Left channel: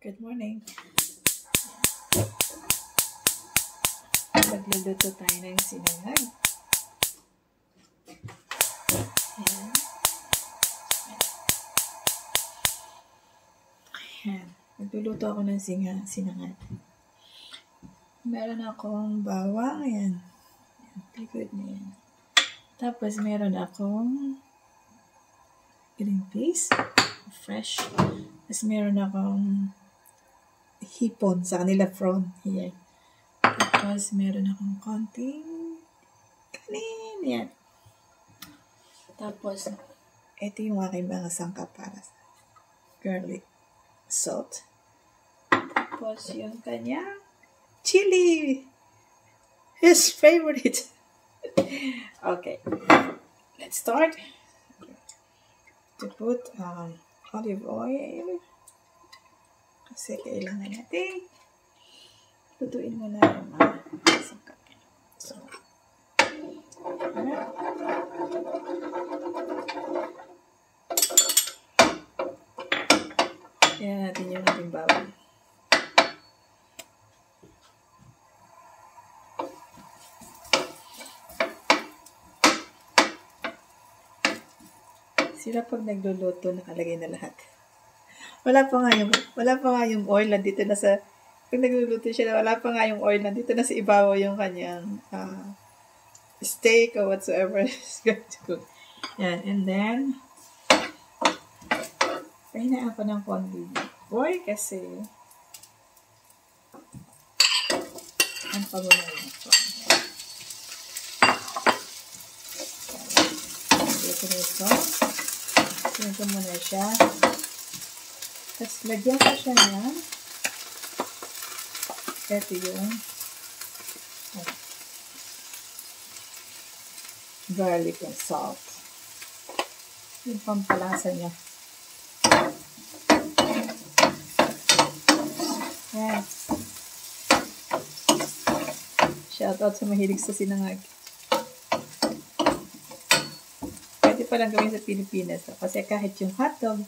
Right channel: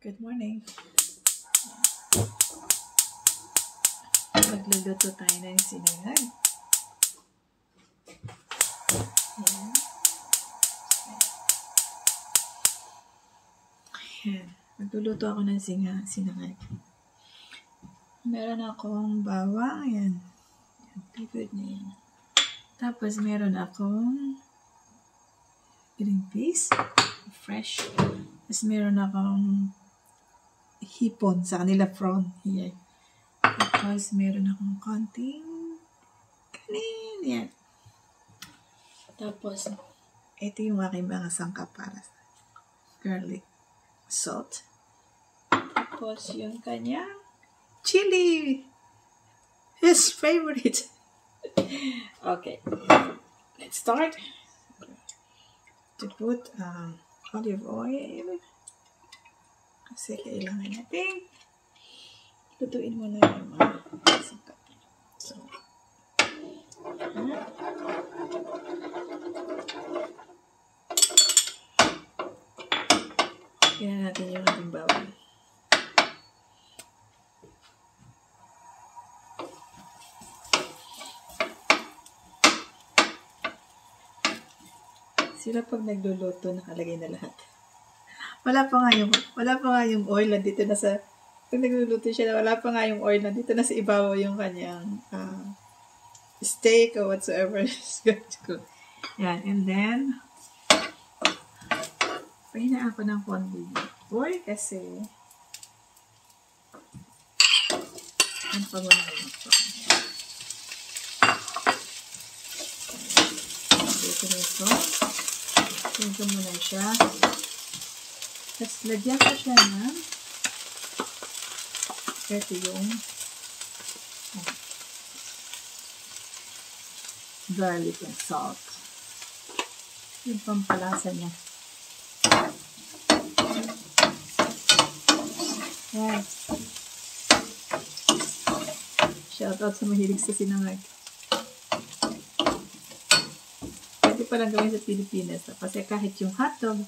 Good morning. Magluluto tayo ng sinangag. Ayan. Ayan. Magluluto ako ng sinangag. Meron akong bawang. Ayan. Favorite niya yan. Tapos meron akong green peas. Fresh. Tapos meron akong hipon sa kanila prawn. Ayan. Tapos meron akong konting kanin. Yan. Tapos, ito yung aking mga sangkap para sa garlic salt. Tapos yung kanyang chili. His favorite. Okay. Let's start. To put olive oil. Kasi kailangan natin lutuin muna yung mga sangkap. So, kaya natin yung ating bawang. Sila pag nagluluto, nakalagay na lahat. Wala pa nga yung oil nandito na sa, pag nagluluto siya, wala pa nga yung oil nandito na sa ibabaw yung kanyang steak or whatsoever is going to cook. Yan, and then, pahinaan ko ng konti oil kasi, ang pagmuna yun ito. Dito na ito. Dito muna siya. Tapos, lagyan ko siya na ito yung garlic and salt. Yung pampalasa niya. Yan. Shoutout sa mahilig sa sinangag. Pwede palang gawin sa Pilipinas. Kasi kahit yung hotdog,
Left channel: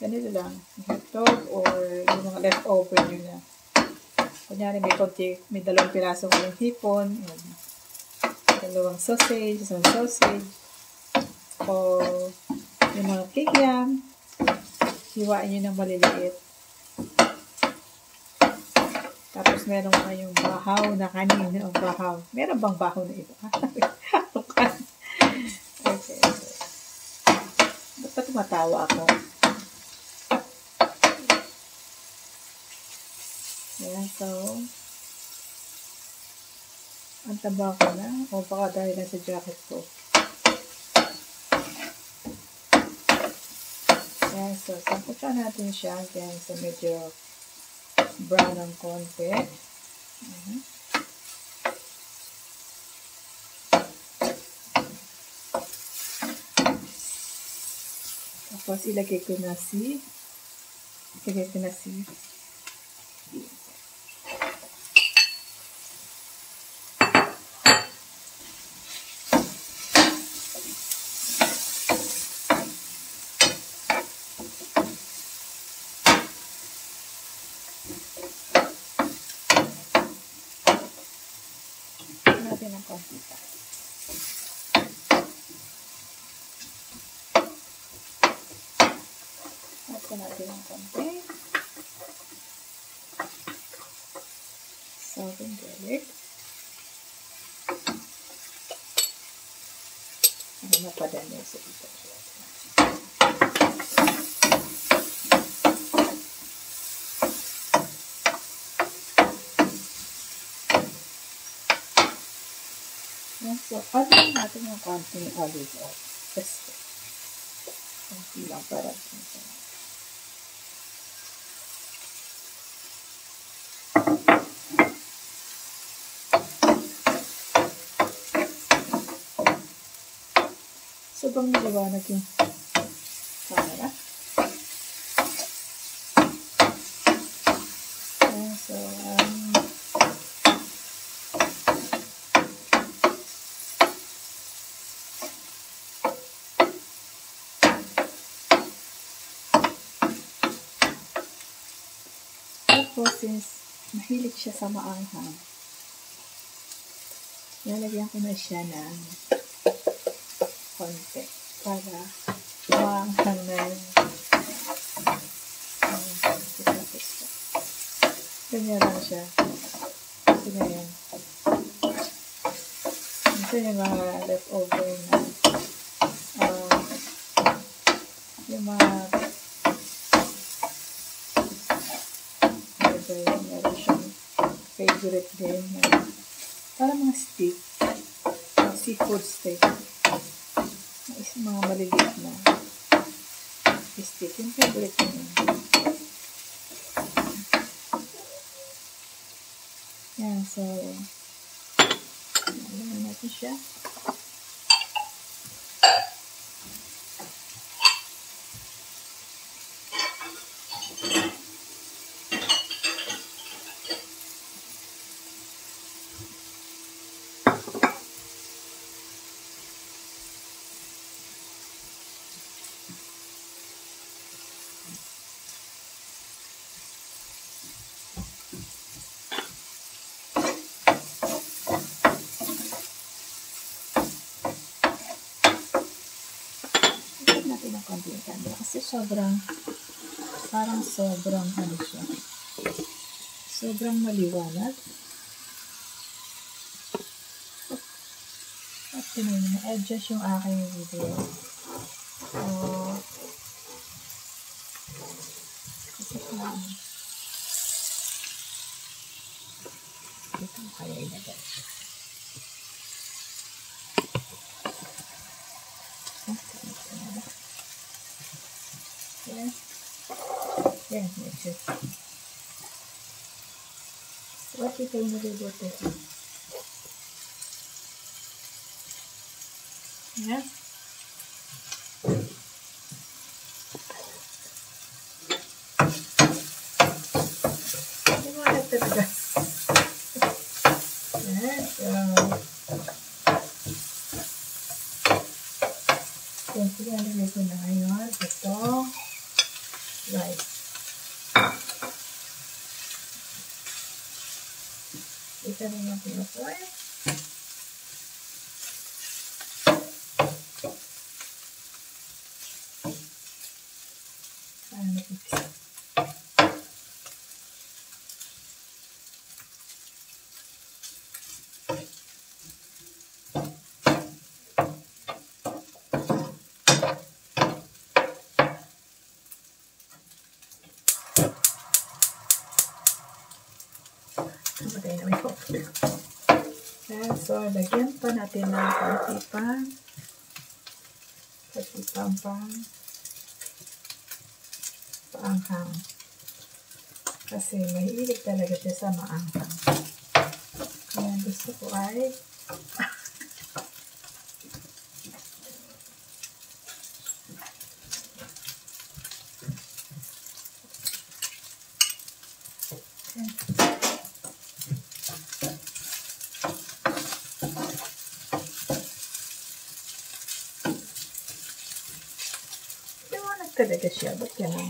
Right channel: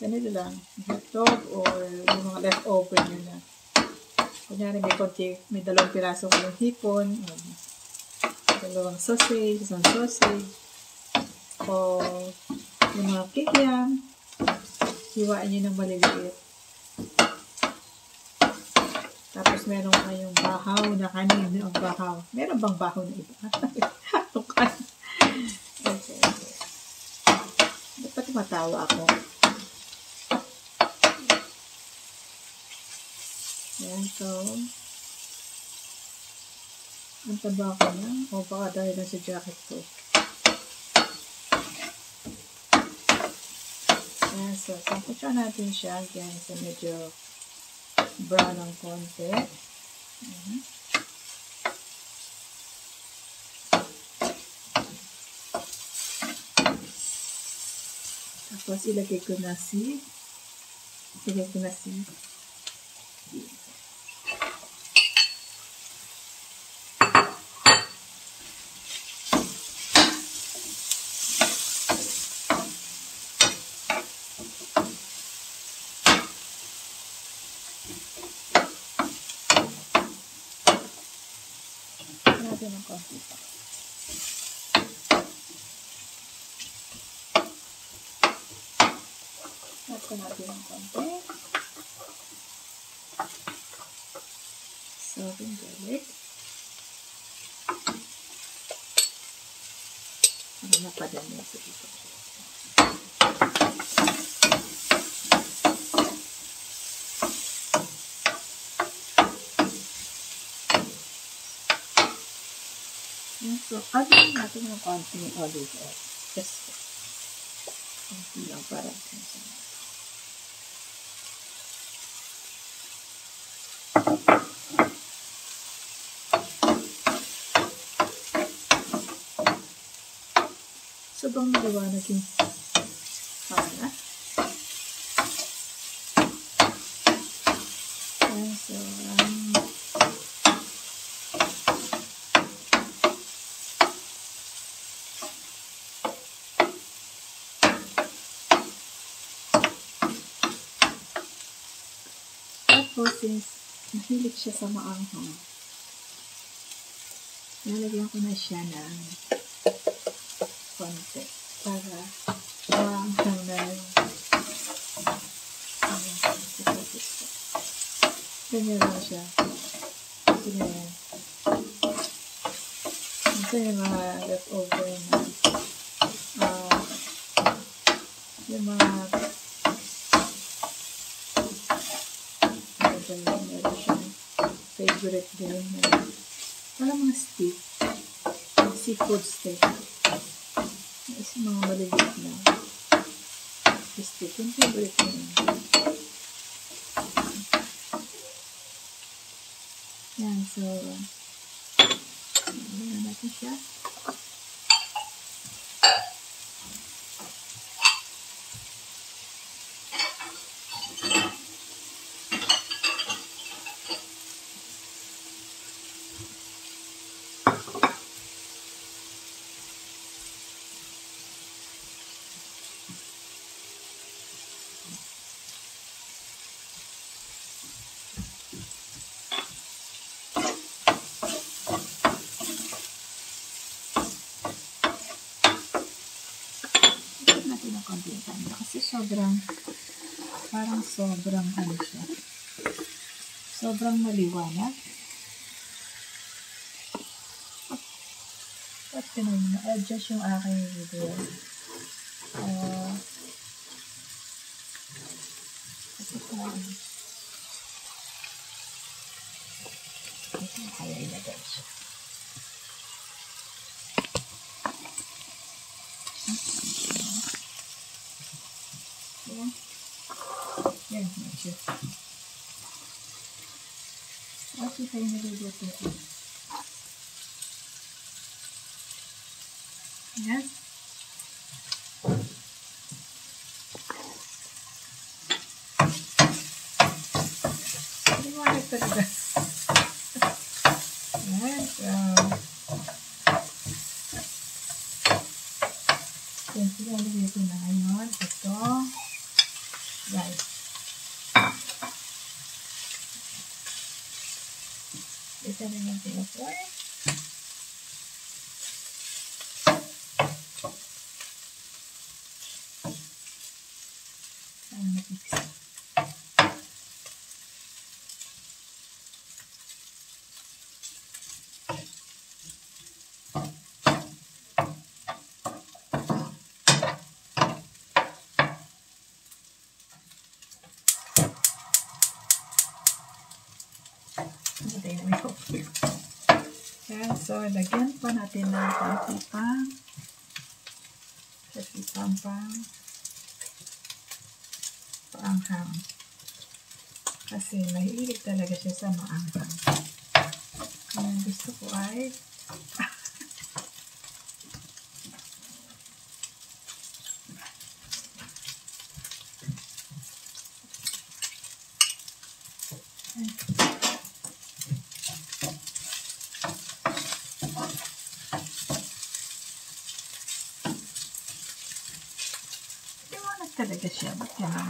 ganito lang. Hotdog or yung mga leftover nyo na. Kunyari may 2 piraso ko yung hipon, 2 sausage, isang sausage, o yung mga kikiam, hiwain nyo ng maliliit. Tapos meron kayong bahaw na kanin, o bahaw. Meron bang bahaw na iba? Okay. Dapat matawa ako. Yan, so, ang taba ko na, o baka dahil lang sa jacket ko. Yan, so, samputsa natin siya, yan, so medyo brown ng konti. Tapos, ilagay ko na si natin ang konti pa. Add ko natin ang konti. Salt and garlic. Ano na pa din sa ito. So, add natin yung konting olive oil. Just konti lang para sa sobrang maliwanag yung camera. So, Tapos, since mahilig siya sa maanghang, lalagyan ko na siya ng konti para maanghang na ganyan lang siya. Ganyan. Ito yung mga leftover na yung mga meron siyang favorite din na para mga steak, seafood steak, mga maliliit na steak, yung favorite niya. Yan, so ano natin siya. Natin ng konti kasi parang sobrang ano siya, sobrang maliwanag at adjust yung aking video kasi parang ito kaya ilagay siya. Yan, medyo. What if I naluluto ito? Yan. Hindi mo talaga. Yan. Yan, pinalagay ko na ngayon. Ito. Right. Ito rin yung pinupoy. Napipisa. Namatay na may coffee. So, lagyan pa natin ng konti paanghang. Kasi mahilig talaga siya sa maanghang. Ayan, gusto ko ay talaga siya. Ba't ganun?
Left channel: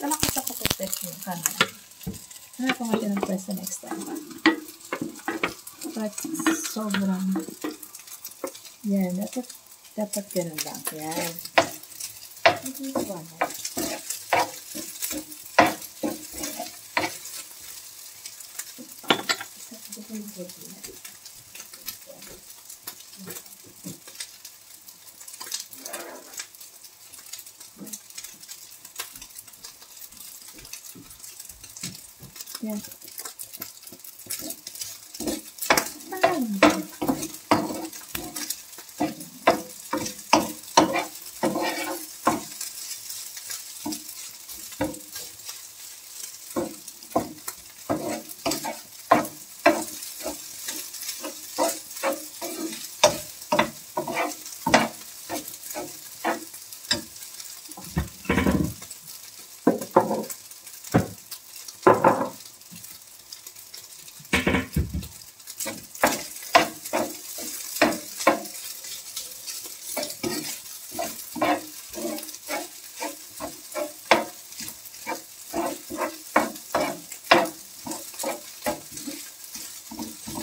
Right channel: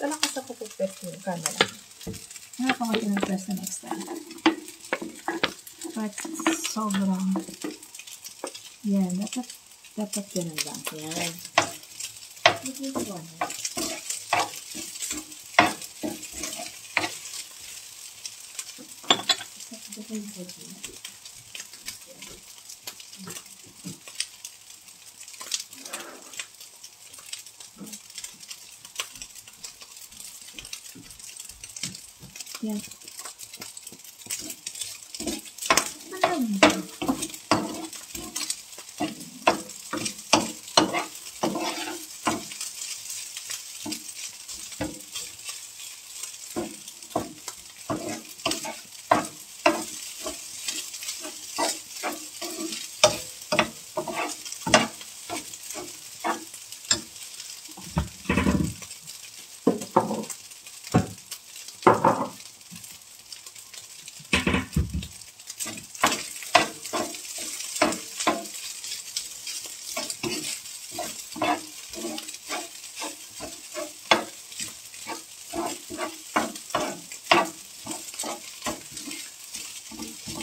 Talakas ako pag-press yung camera. Ano pa nga ng press the next time? But sobrang yan. Dapat ganun lang. Yan. Ito one. Yan.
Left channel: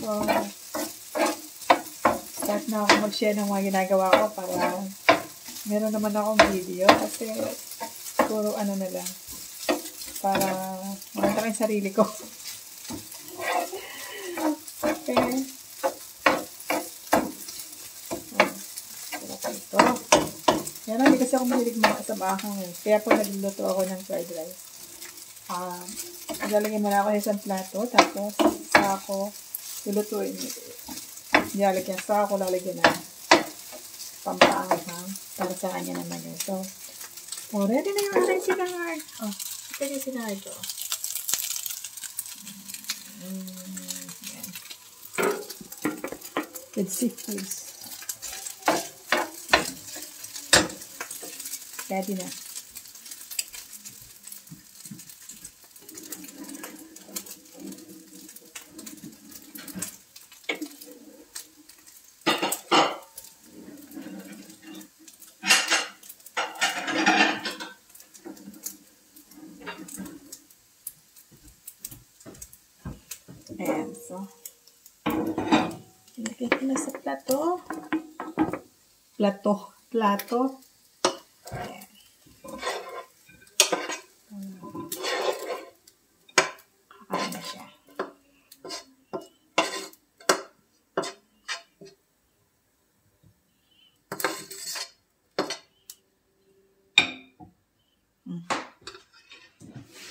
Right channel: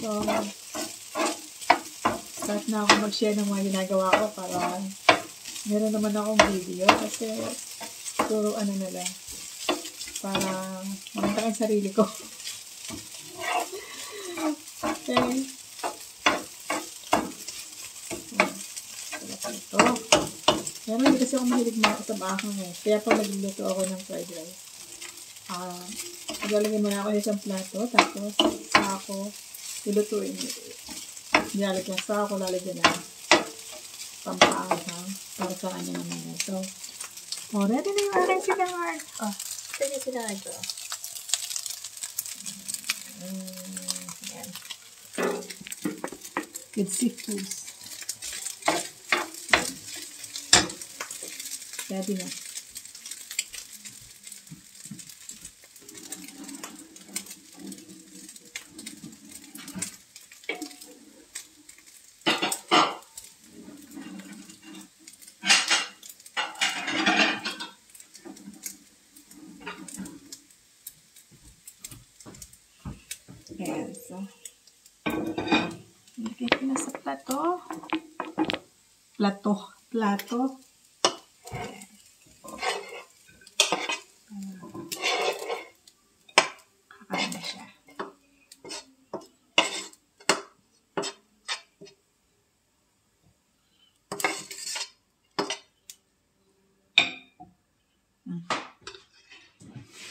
So, start na ako mag-share ng mga ginagawa ko para meron naman akong video kasi puro ano na lang para makita ko yung sarili ko. Okay. So, ito. Yan lang, hindi kasi ako mahilig sa bakang eh. Kaya po nagluluto ako ng fried rice. Ilalagay muna ako sa isang plato, tapos saka ako lulutuin. Ilalagyan, saka ako lalagyan ng pampaanghang para sa kanya naman eh. So, ready na yung aking sinangag. Ito yung sinangag ko. Yan. With seafoods. Ready na. Ayan, so ilagay ko na sa plato. Plato. Ayan. Kakain na siya.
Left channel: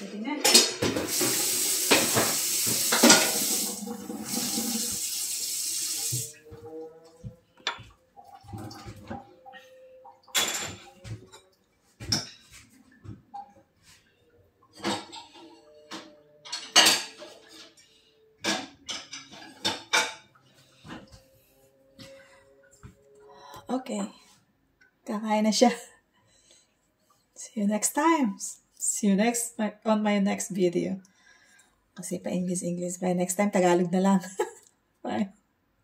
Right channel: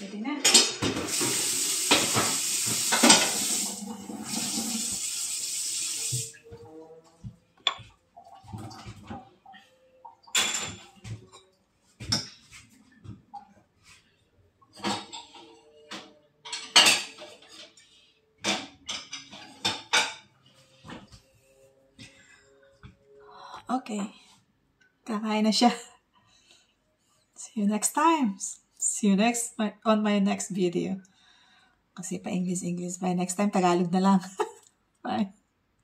Pwede na. Okay. Kakain na siya. See you next time. See you on my next video. Kasi pa English. By next time, Tagalog na lang. Bye.